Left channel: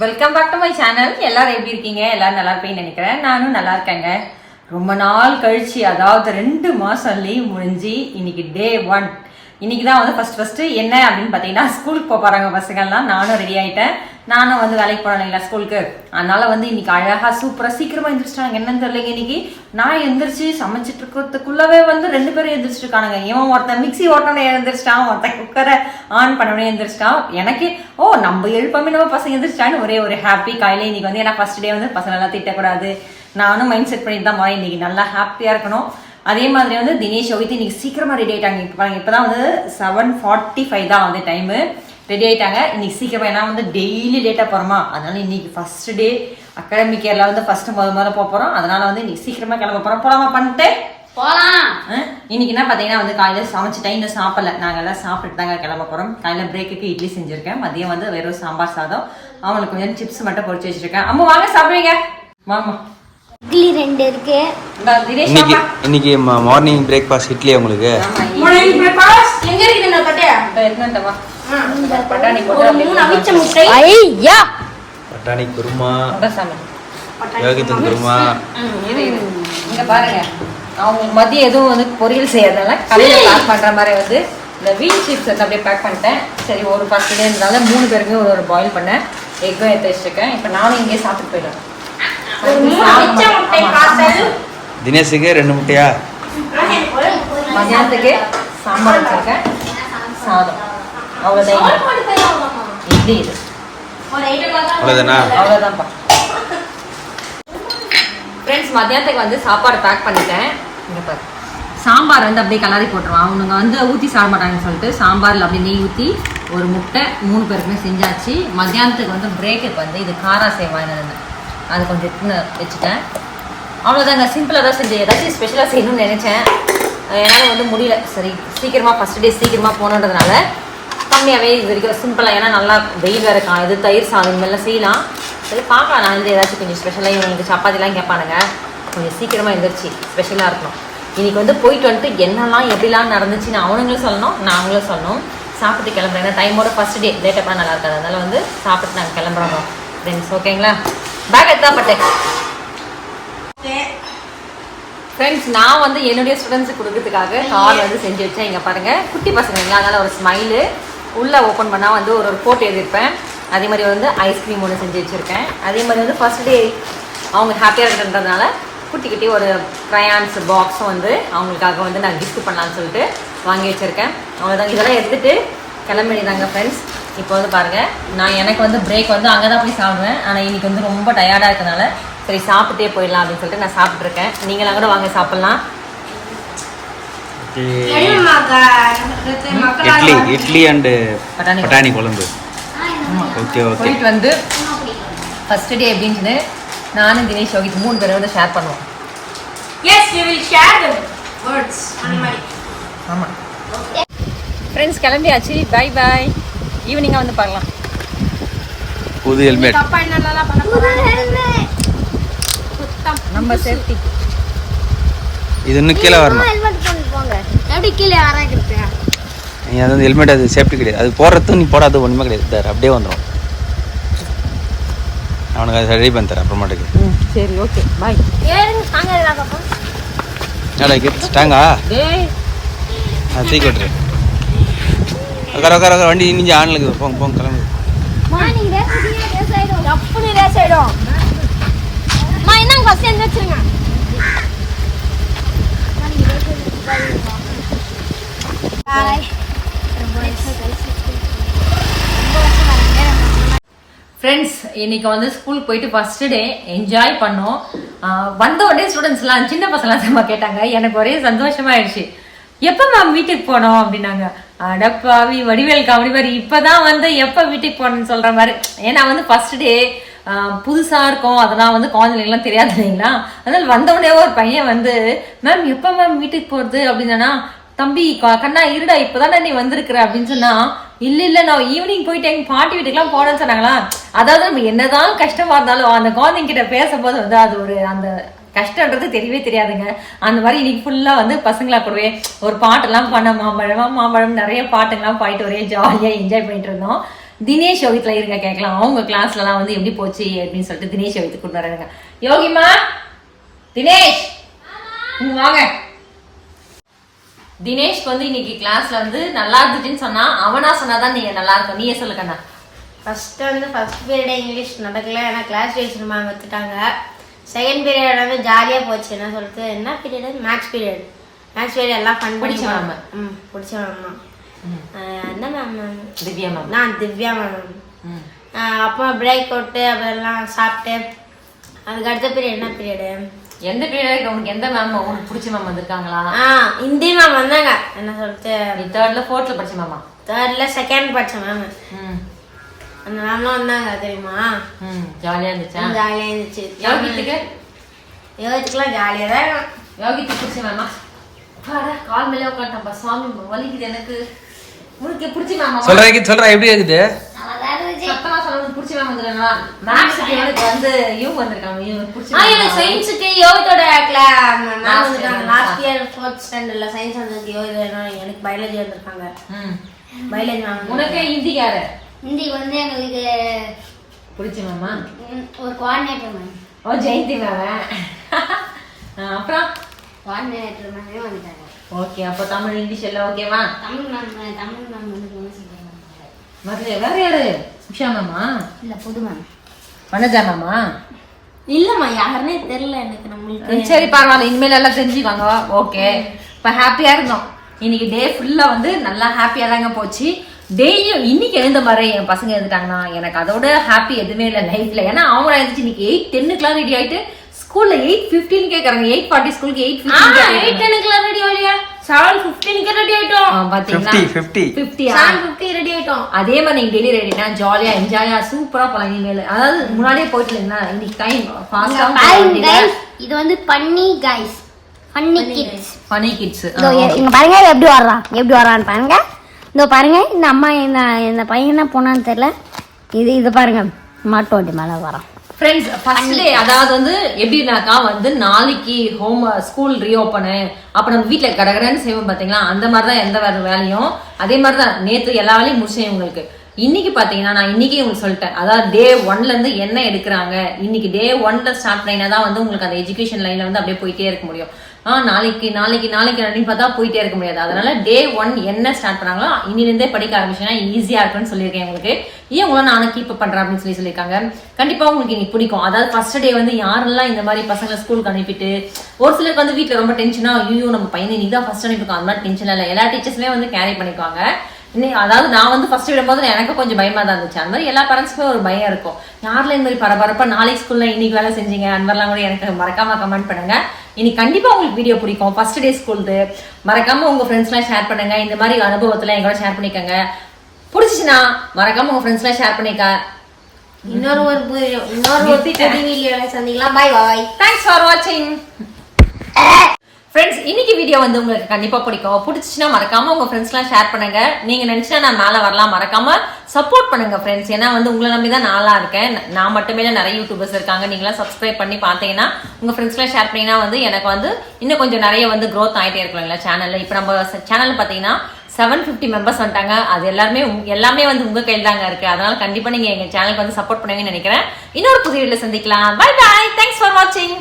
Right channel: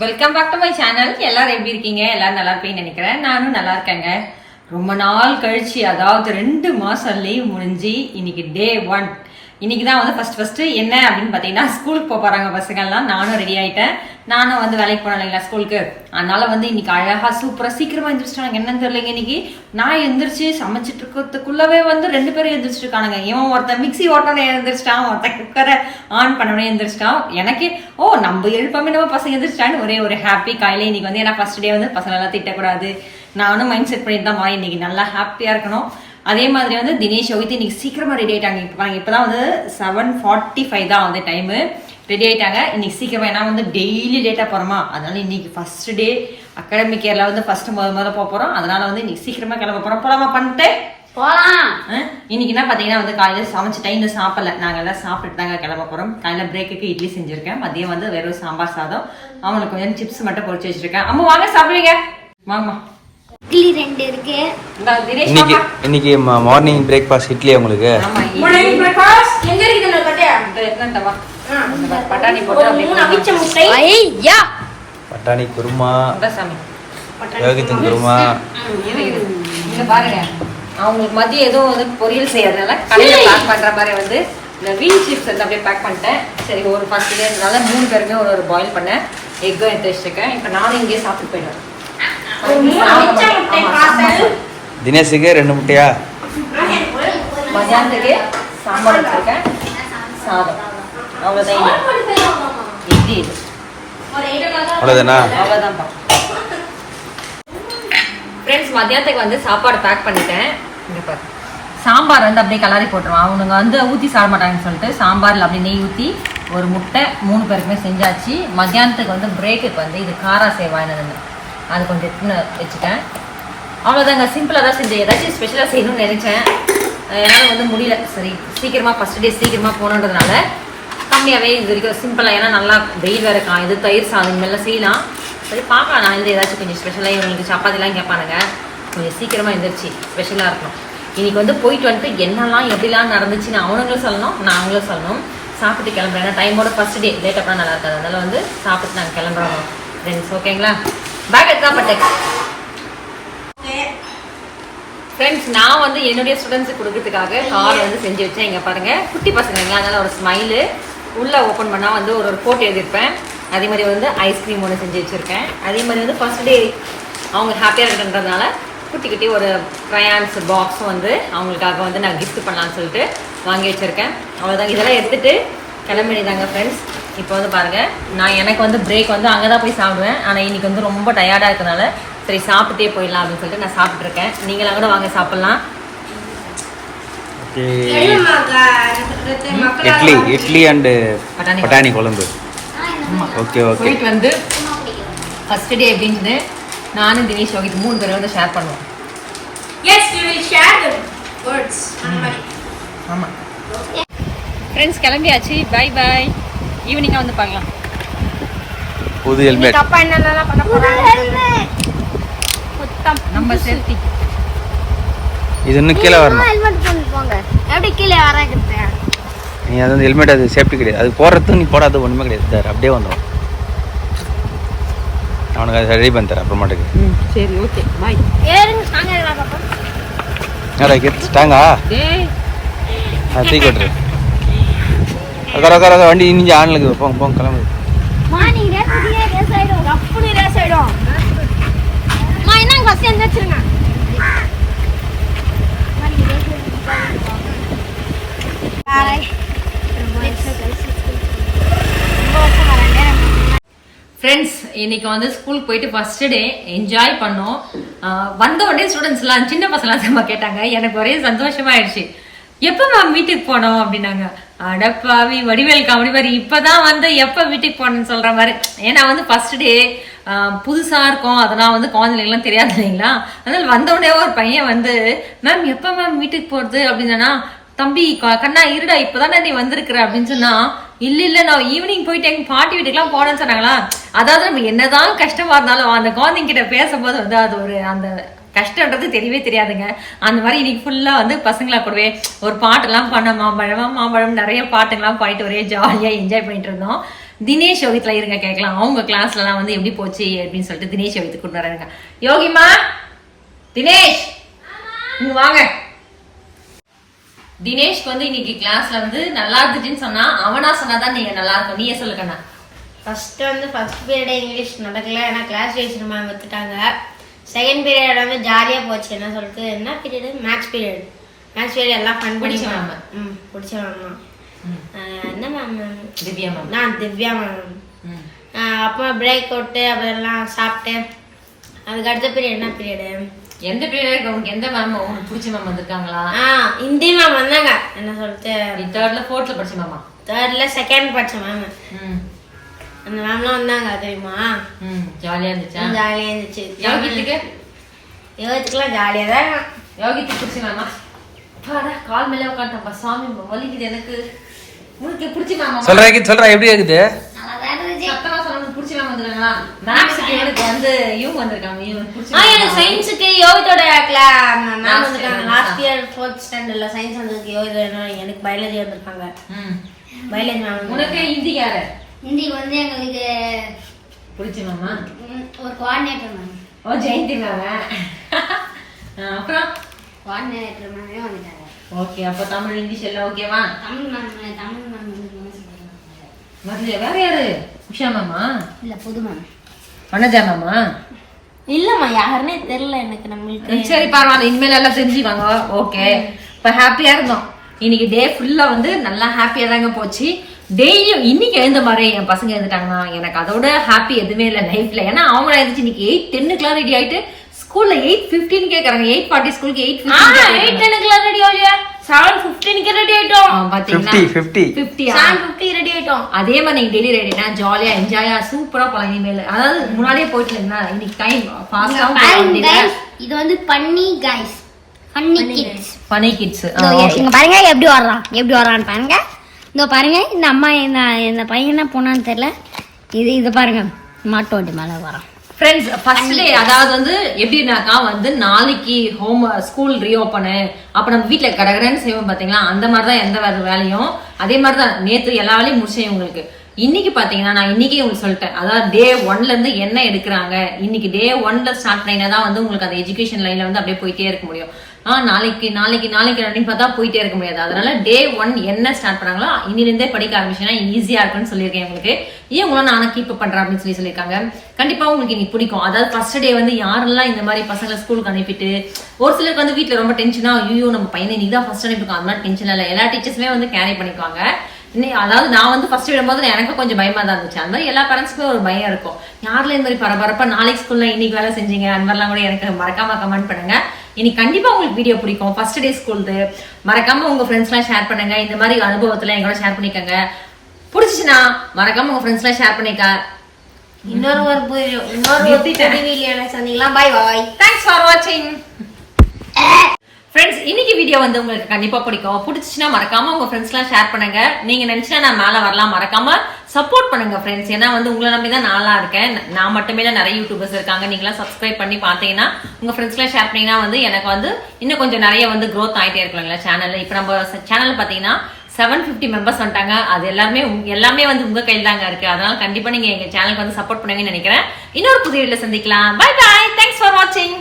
Welcome back to my channel எல்லாரும் எப்படி இருக்கீங்க? எல்லாரும் நல்லா இருப்பீங்கன்னு நினைக்கிறேன். நானும் நல்லா இருக்கேங்க. ரொம்ப நாள் கழிச்சு அதாவது ரெண்டு மாசம் லீவ் முடிஞ்சு இன்னைக்கு டே ஒன் இன்னைக்கு தான் வந்து ஃபர்ஸ்ட் ஃபர்ஸ்ட் என்ன அப்படின்னு பார்த்தீங்கன்னா ஸ்கூலுக்கு போக போறாங்க பசங்கள்லாம். நானும் ரெடி ஆயிட்டேன். நானும் வந்து வேலைக்கு போனேன் இல்லைங்களா ஸ்கூலுக்கு. அதனால வந்து இன்னைக்கு அழகா சூப்பரா சீக்கிரமா எந்திரிச்சிட்டாங்க. என்னன்னு தெரியலங்க இன்னைக்கு. நான் எந்திரிச்சு சமைச்சிட்டு இருக்கிறதுக்குள்ளவே வந்து ரெண்டு பேரும் எந்திரிச்சிட்டு இருக்கானுங்க. இவன் ஒருத்தன் மிக்ஸி ஓட்டனே எழுந்திரிச்சிட்டான் ஒருத்தன் குக்கரை ஆன் பண்ணவனே எழுந்திரிச்சிட்டான் எனக்கு ஓ நம்ம எழுப்பாமே நம்ம பசங்க எழுந்திரிச்சிட்டான்னு ஒரே ஒரு ஹாப்பி காலையில இன்னைக்கு வந்து ஏன்னா ஃபர்ஸ்ட் டே வந்து பசங்க எல்லாம் திட்டக்கூடாது. நானும் மைண்ட் செட் பண்ணிட்டு தான் இன்னைக்கு நல்லா ஹாப்பியா இருக்கணும். அதே மாதிரி வந்து தினேஷ் யோகித்து இன்னைக்கு சீக்கிரமா ரெடி ஆயிட்டாங்க. இப்போ பாருங்க வந்து செவன் ஃபார்ட்டி ஃபைவ் தான் வந்து டைமு ரெடி ஆயிட்டாங்க. இன்னைக்கு சீக்கிரமா ஏன்னா வந்து டெய்லி லேட்டா போறோமா? அதனால இன்னைக்கு ஃபர்ஸ்ட் டே அகாடமிக் இயர்ல வந்து ஃபர்ஸ்ட் முத முதல்ல போக போறோம். அதனால வந்து இன்னைக்கு சீக்கிரமா கிளம்ப போறோம். போலாமா பண்ணிட்டு? இன்னைக்கு என்ன பாத்தீங்கன்னா வந்து காலையில சமைச்சிட்டேன் இந்த சாப்பிடல. நாங்க எல்லாம் சாப்பிட்டு தாங்க கிளம்ப போறோம். காலையில பிரேக்குக்கு இட்லி செஞ்சிருக்கேன். மதியம் வந்து வெறும் சாம்பார் சாதம். அவங்களுக்கு கொஞ்சம் சிப்ஸ் மட்டும் பொரிச்சு வச்சிருக்கேன். அம்மா வாங்க சாப்பிடுவீங்க? வாங்கம்மா. இட்லி ரெண்டு இருக்கு. இந்த தினேஷ் இன்னைக்கு. இன்னைக்கு மார்னிங் பிரேக்ஃபாஸ்ட் இட்லி உங்களுக்கு. பட்டாணி போட்டு அப்படியே மூணு அவிச்ச முட்டை. ஐயா! பட்டாணி குருமா. யோகித்தன் குருமா. பாருங்க. அவங்களுக்கு மதியம் எதுவும் வந்து பொரியல் செய்யறதுனால கடையில பேக் பண்ற மாதிரி வந்து இந்த வீல் சிப்ஸ் வந்து அப்படியே பேக் பண்ணிட்டேன். சரி ஒரு பத்து டே இருந்தால மூணு பேருமே ஒரு ஒரு பாயில் பண்ணேன். எக்கும் எடுத்து வச்சிருக்கேன். இப்போ நானும் இங்கேயே சாப்பிட்டு பார்சல் தினேஷுக்கு ரெண்டு முட்டையா? மதியானத்துக்கு சாம்பார் வச்சிருக்கேன். சாதம். அவ்வளோதான் இட்லி இது. அவ்வளோதானா அவ்வளோதான்ப்பா ஃப்ரெண்ட்ஸ் மதியானத்துக்கு வந்து சாப்பாடு பேக் பண்ணிட்டேன். இங்கே பாரு. சாம்பார் வந்து அப்படியே கலரி போட்டுருவான் அவனுங்க வந்து ஊற்றி சாப்பிட மாட்டாங்கன்னு சொல்லிட்டு சாம்பாரில் அப்படியே நெய் ஊற்றி ஒரு முட்டை மூணு பேருக்குமே செஞ்சாச்சு. மத்தியானத்துக்கு வந்து பிரேக்குக்கு வந்து இது காரா சேவாயினது அது கொஞ்சம் எடுத்துன்னு வச்சுட்டேன். அவ்வளோதாங்க சிம்பிளாக தான் செஞ்சேன். ஏதாச்சும் ஸ்பெஷலாக செய்யணும்னு நினச்சேன். என்னால் வந்து முடியல. சரி சீக்கிரமாக ஃபஸ்ட் டே சீக்கிரமாக போகணுன்றதுனால கம்மியாகவே இது வரைக்கும் சிம்பிளாக ஏன்னா நல்லா வெயில் வேறு கா இது தயிர் சாதம் இந்த செய்யலாம். சரி பார்க்கலாம். நான் வந்து ஏதாச்சும் கொஞ்சம் ஸ்பெஷலாக இவங்களுக்கு சப்பாத்திலாம் கேட்பானுங்க. கொஞ்சம் சீக்கிரமாக எழுந்திரிச்சு ஸ்பெஷலாக இருக்கணும். இன்றைக்கி வந்து போயிட்டு வந்துட்டு என்னெல்லாம் எப்படிலாம் நடந்துச்சுன்னு அவனுங்களும் சொல்லணும் நாங்களும் சொல்லணும். சாப்பிட்டு கிளம்புறேன். ஏன்னா டைமோட ஃபஸ்ட் டே லேட்டாக பண்ண நல்லா இருக்காது. அதனால் வந்து சாப்பிட்டு நாங்கள் கிளம்புறோம். ஃப்ரெண்ட்ஸ் ஓகேங்களா பேக் எடுத்தா பட்டேன். ஃப்ரெண்ட்ஸ் நான் வந்து என்னுடைய ஸ்டூடெண்ட்ஸுக்கு கொடுக்கறதுக்காக கார் வந்து செஞ்சு வச்சேன். இங்கே பாருங்க. குட்டி பசங்க அதனால ஒரு ஸ்மைலு உள்ளே ஓப்பன் பண்ணால் வந்து ஒரு ஒரு போட்டோ எழுதியிருப்பேன். அதே மாதிரி வந்து ஐஸ்கிரீம் ஒன்று செஞ்சு வச்சுருக்கேன். அதே மாதிரி வந்து ஃபர்ஸ்ட் டே அவங்க ஹாப்பியாக இருக்குன்றதுனால குட்டி குட்டி ஒரு க்ரையான்ஸ் பாக்ஸும் வந்து அவங்களுக்காக வந்து நான் gift பண்ணலாம்னு சொல்லிட்டு வாங்கி வச்சுருக்கேன். அவ்வளோதான் இதெல்லாம் எடுத்துட்டு கிளம்பிடுதாங்க ஃப்ரெண்ட்ஸ் இப்போ வந்து பாருங்கள் நான் எனக்கு வந்து பிரேக் வந்து அங்கே தான் போய் சாப்பிடுவேன். ஆனால் இன்னைக்கு வந்து ரொம்ப டயர்டாக இருக்கனால சரி சாப்பிட்டே போயிடலாம் அப்படின்னு சொல்லிட்டு நான் சாப்பிட்ருக்கேன் நீங்களாம் கூட வாங்க சாப்பிட்லாம். இட்லி இட்லி அண்டு பட்டாணி பட்டாணி குழம்பு. Okay okay. போயிட்டு வந்து ஃபர்ஸ்ட் டே அப்படின்னு நானும் தினேஷ் யோகித் மூணு பேரும் வந்து ஷேர் பண்ணுவோம். We will share the words. ஆமாம் ஃப்ரெண்ட்ஸ் கிளம்பியாச்சு. பை பாய் ஈவினிங்காக வந்து பார்க்கலாம். புது ஹெல்மெட் அப்பா என்னென்னலாம் பண்ண போறாங்க? நம்ம சேஃப்டி இது இன்னும் கீழே வரணும். எப்படி கீழே வராங்கிறது நீங்கள் அது வந்து ஹெல்மெட் அது சேஃப்டி கிடையாது. அது போடுறது நீ போடாத ஒன்றுமே கிடையாது. இதாரு, அப்படியே வந்துடும் அவனுக்கு அதை ரெடி பண்ணி தரேன் அப்புறமாட்டுக்கு. ம் சரி ஓகே பாய் ஏறுங்க கேட்டாங்கா டேய். அது தூக்கி விட்டுரு உட்கார உட்கார வண்டி இனிஞ்சு ஆன்ல இருக்குது. போங்க போங்க பாய் ஃப்ரெண்ட்ஸ் இன்னைக்கு வந்து ஸ்கூலுக்கு போயிட்டு ஃபர்ஸ்ட் டே என்ஜாய் பண்ணோம். வந்த உடனே ஸ்டூடெண்ட்ஸ்லாம் சின்ன பசங்களாம் திரும்ப கேட்டாங்க. எனக்கு ஒரே சந்தோஷமாயிடுச்சு. எப்போ மேம் வீட்டுக்கு போனோம் அப்படின்னாங்க. அடப்பாவி வடிவேல் காமெடி மாதிரி இப்பதான் வந்து எப்போ வீட்டுக்கு போனேன்னு சொல்ற மாதிரி. ஏன்னா வந்து ஃபர்ஸ்ட் டே புதுசா இருக்கும். அதெல்லாம் வந்து குழந்தைங்களுக்குலாம் தெரியாது இல்லைங்களா? அதனால வந்த உடனே ஒரு பையன் வந்து மேம் எப்போ மேம் வீட்டுக்கு போறது? அப்படின்னா தம்பி கண்ணா இருடா இப்பதானே நீ வந்திருக்கிற. அப்படின்னு சொன்னா இல்ல இல்ல நான் ஈவினிங் போயிட்டு எங்க பாட்டி வீட்டுக்குலாம் போனேன்னு சொன்னாங்களா? அதாவது நம்ம என்னதான் கஷ்டமா இருந்தாலும் அந்த குழந்தைங்க கிட்ட பேசும்போது வந்து அது ஒரு அந்த கஷ்டன்றது தெரியவே தெரியாதுங்க. அந்த மாதிரி இன்னைக்கு ஃபுல்லா வந்து பசங்களா கூடவே ஒரு பாட்டெல்லாம் பண்ண மாம்பழமா மாம்பழம் நிறைய பாட்டுங்கெல்லாம் போயிட்டு ஒரே ஜாலியா என்ஜாய் பண்ணிட்டு இருந்தோம். தினேஷ் யோகித்துல இருங்க கேட்கலாம் அவங்க கிளாஸ்லலாம் வந்து எப்படி போச்சு அப்படின்னு சொல்லிட்டு தினேஷ் யோகித்து கூட்டு வராங்க. யோகிமா? தினேஷ்? இங்க வாங்க. தினேஷ்க்கு வந்து இன்னைக்கு கிளாஸ்ல வந்து நல்லா இருந்துச்சுன்னு சொன்னா அவனா சொன்னாதான் நீங்க நல்லா இருக்கும். நீயே சொல்லுங்கண்ணா ஃபர்ஸ்ட் வந்து ஃபர்ஸ்ட் பீரியட் இங்கிலீஷ் நடக்கல. ஏன்னா class teacher ma'am second period வந்து ஜாலியாக போச்சு. என்ன சொல்லிட்டு என்ன period maths period maths period எல்லாம் ஃபன் பண்ணி. ம் பிடிச்ச மேம் என்ன மேம் திவ்யா மேம் நான் திவ்யா மேம். அப்புறம் பிரேக் அவுட்டு அப்புறம் சாப்பிட்டு அதுக்கு அடுத்த பீரியட் என்ன பீரியடு எந்த பீரியட் உனக்கு எந்த மேம் உனக்கு பிடிச்ச மேம் வந்திருக்காங்களா? ஆ ஹிந்தி மேம் வந்தாங்க. என்ன சொல்லிட்டு தேர்ட்ல ஃபோர்த்ல படிச்ச மேமா தேர்ட்ல செகண்ட் படிச்ச மேம் அந்த மேம்லாம் வந்தாங்க தெரியுமா? ஜாலியா இருந்துச்சா? ஜாலியாக இருந்துச்சு. யோகித்துக்கு? யோகத்துக்குலாம் ஜாலியாக தான் யோகித்துக்கு பிடிச்ச மேமா கால் மேலே உட்காந்துட்டப்பா சுவாமி வலிக்குது எனக்கு. உனக்கு பிடிச்ச மேமா சொல்றேன் சொல்றேன் எப்படி இருக்குது? சத்தமா சொல்ல பிடிச்ச மேம் வந்துருக்காங்களா மேக்ஸுக்கு இவனுக்கு வந்து இவங்க வந்திருக்காங்க இவனுக்கு பிடிச்ச ஆ எனக்கு. சயின்ஸுக்கு யோகத்தோட மேம் வந்துருக்காங்க லாஸ்ட் இயர் ஃபோர்த் ஸ்டாண்டர்ட்ல சயின்ஸ் வந்ததுக்கு யோகா எனக்கு பயாலஜி வந்திருக்காங்க. பயாலஜி மேம் உனக்கு ஹிந்தி யாரு? ஹிந்தி வந்து எங்களுக்கு பிடிச்ச மேமா? ம், ஒரு கோஆர்டினேட்டர் மேம் ஓ ஜெயந்தி மேம் அப்புறம்? கோஆர்டினேட்டர் மேமே வந்துட்டாங்க ஓகே அப்போ தமிழ் இங்கிலீஷ் எல்லாம் ஓகேவா தமிழ் மேம் தமிழ் மேம் வந்து மதுரை வேற யாரு? உஷா மேமா? இல்ல புது மேம் வனஜா மேமா? இல்லம்மா யாருன்னே தெரியல எனக்கு நம்மளுக்கு. சரி பரவாயில்ல இனிமேல் எல்லாம் தெரிஞ்சுக்காங்க ஓகே. இப்ப ஹாப்பியா இருந்தோம். இன்னைக்கு டே ஃபுல்லா வந்து நல்லா ஹாப்பியா தாங்க போச்சு. டெய்லியும் இன்னைக்கு எழுந்த மாதிரி என் பசங்க எழுந்துட்டாங்கன்னா எனக்கு அதோட ஹாப்பி எதுவுமே இல்லை லைஃப்ல ஏன்னா அவங்க எழுந்துச்சு இன்னைக்கு எயிட் டென்னுக்குலாம் ரெடி ஆயிட்டு ஸ்கூல்ல எயிட் ஃபிஃப்டீன் கேட்கறாங்க எயிட் ஃபார்ட்டி ஸ்கூலுக்கு எயிட் எயிட் டென்னுக்குலாம் ரெடி ஆகலையா? செவன் ஃபிஃப்டீனுக்கு ரெடி ஆயிட்டோம். பாத்தீங்கன்னா ஃபிஃப்டியா செவன் ஃபிஃப்டி ரெடி ஆயிட்டோம். அதே மாதிரி நீங்க டெய்லி ரெடினா ஜாலியா என்ஜாயா சூப்பரா போலாம் இனிமேல். அதாவது முன்னாடியே போயிட்டு இருந்தீங்கன்னா இன்னைக்கு டைம் ஃபாஸ்டா இது வந்து பன்னி கைஸ் பன்னி கிட்ஸ் ஃபனி கிட்ஸ் இங்க பாருங்க எப்படி வர்றான்? எப்படி வர்றான்னு பாருங்க. இதோ பாருங்க இந்த அம்மா இந்த இந்த பையன் என்ன போனான்னு தெரியல. இது இது பாருங்க மாட்டு வண்டி மேலே வரான். ஃப்ரெண்ட்ஸ் ஃபர்ஸ்ட் டே அதாவது வந்து எப்படின்னாக்கா வந்து நாளைக்கு ஹோம் ஸ்கூல் ரீஓப்பனு அப்போ நம்ம வீட்டில் கடகடன்னு செய்வோம் பார்த்தீங்களா அந்த மாதிரி தான் எந்த வேறு வேலையும். அதே மாதிரி தான் நேற்று எல்லா வேலையும் முடிச்சேன் உங்களுக்கு இன்னைக்கு பாத்தீங்கன்னா நான் இன்னைக்கு உங்களுக்கு சொல்லிட்டேன். அதாவது டே ஒன்ல இருந்து என்ன எடுக்கிறாங்க? இன்னைக்கு டே ஒன்ல ஸ்டார்ட் பண்ணினா தான் வந்து உங்களுக்கு அந்த எஜுகேஷன் லைன்ல வந்து அப்படியே போயிட்டே இருக்க முடியும். நாளைக்கு நாளைக்கு நாளைக்கு அப்படின்னு பார்த்தா போயிட்டே இருக்க முடியாது. அதனால டே ஒன் என்ன ஸ்டார்ட் பண்ணாங்களோ இன்னிலிருந்தே படிக்க ஆரம்பிச்சுன்னா ஈஸியா இருக்கும்னு சொல்லியிருக்கேன் உங்களுக்கு. ஏன் உங்களை நானும் கீப் பண்றேன் அப்படின்னு சொல்லி சொல்லியிருக்காங்க. கண்டிப்பா உங்களுக்கு இன்னைக்கு பிடிக்கும். அதாவது ஃபர்ஸ்ட் டே வந்து யாரெல்லாம் இந்த மாதிரி பசங்களை ஸ்கூலுக்கு அனுப்பிட்டு ஒரு சிலருக்கு வந்து வீட்டில் ரொம்ப டென்ஷனா ஐயோ நம்ம பையனை நீ தான் ஃபர்ஸ்ட் அனுப்பிருக்கோம் அந்த மாதிரி டென்ஷன் இல்லை. எல்லா டீச்சர்ஸுமே வந்து கேரி பண்ணிக்குவாங்க. இன்னி- அதாவது நான் வந்து ஃபர்ஸ்ட் விடும்போது எனக்கு கொஞ்சம் பயமா தான் இருந்துச்சு. அந்த மாதிரி எல்லா பேரண்ட்ஸ்க்குமே ஒரு பயம் இருக்கும். யாரில் இந்த மாதிரி பரபரப்பா நாளைக்கு ஸ்கூல்ல இன்னைக்கு வேலை செஞ்சீங்க? அந்த மாதிரிலாம் கூட எனக்கு மறக்காம கமெண்ட் பண்ணுங்க. இன்னைக்கு கண்டிப்பா உங்களுக்கு வீடியோ பிடிக்கும். ஃபர்ஸ்ட் டே ஸ்கூல்து மறக்காம உங்க ஃப்ரெண்ட்ஸ்லாம் ஷேர் பண்ணுங்க. இந்த மாதிரி அனுபவத்துல எங்களோட ஷேர் பண்ணிக்கோங்க. பிடிச்சிச்சுன்னா மறக்காம உங்க ஃப்ரெண்ட்ஸ்லாம் ஷேர் பண்ணிக்க. இன்னொரு ஒரு இன்னொரு வீடியோல சந்திக்கலாம். பாய் பாய் தேங்க்ஸ் ஃபார் வாட்சிங் ஃப்ரெண்ட்ஸ் இன்னைக்கு வீடியோ வந்து உங்களுக்கு கண்டிப்பா பிடிக்கும். பிடிச்சிச்சுன்னா மறக்காம உங்க ஃப்ரெண்ட்ஸ்லாம் ஷேர் பண்ணுங்க. நீங்க நினைச்சா நான் மேல வரலாம். மறக்காம சப்போர்ட் பண்ணுங்க ஃப்ரெண்ட்ஸ் ஏன்னா வந்து உங்களை நம்பி தான் நாளா இருக்கேன். நான் மட்டுமே இல்லை நிறைய யூடியூபர்ஸ் இருக்காங்க. நீங்களாம் சப்ஸ்கிரைப் பண்ணி பார்த்தீங்கன்னா உங்கள் ஃப்ரெண்ட்ஸ்லாம் ஷேர் பண்ணீங்கன்னா வந்து எனக்கு வந்து இன்னும் கொஞ்சம் நிறைய வந்து க்ரோத் ஆகிட்டே இருக்குங்களா சேனலில் இப்போ நம்ம சேனல் பார்த்தீங்கன்னா செவன் ஃபிஃப்டி மெம்பர்ஸ் வந்துட்டாங்க. அது எல்லாமே எல்லாமே வந்து உங்கள் கையில் தாங்க இருக்கு. அதனால கண்டிப்பாக நீங்கள் எங்கள் சேனலுக்கு வந்து சப்போர்ட் பண்ணுவீங்கன்னு நினைக்கிறேன். இன்னொரு புதிய வீடியோல சந்திக்கலாம். பை பாய் தேங்க்ஸ் ஃபார் வாட்சிங்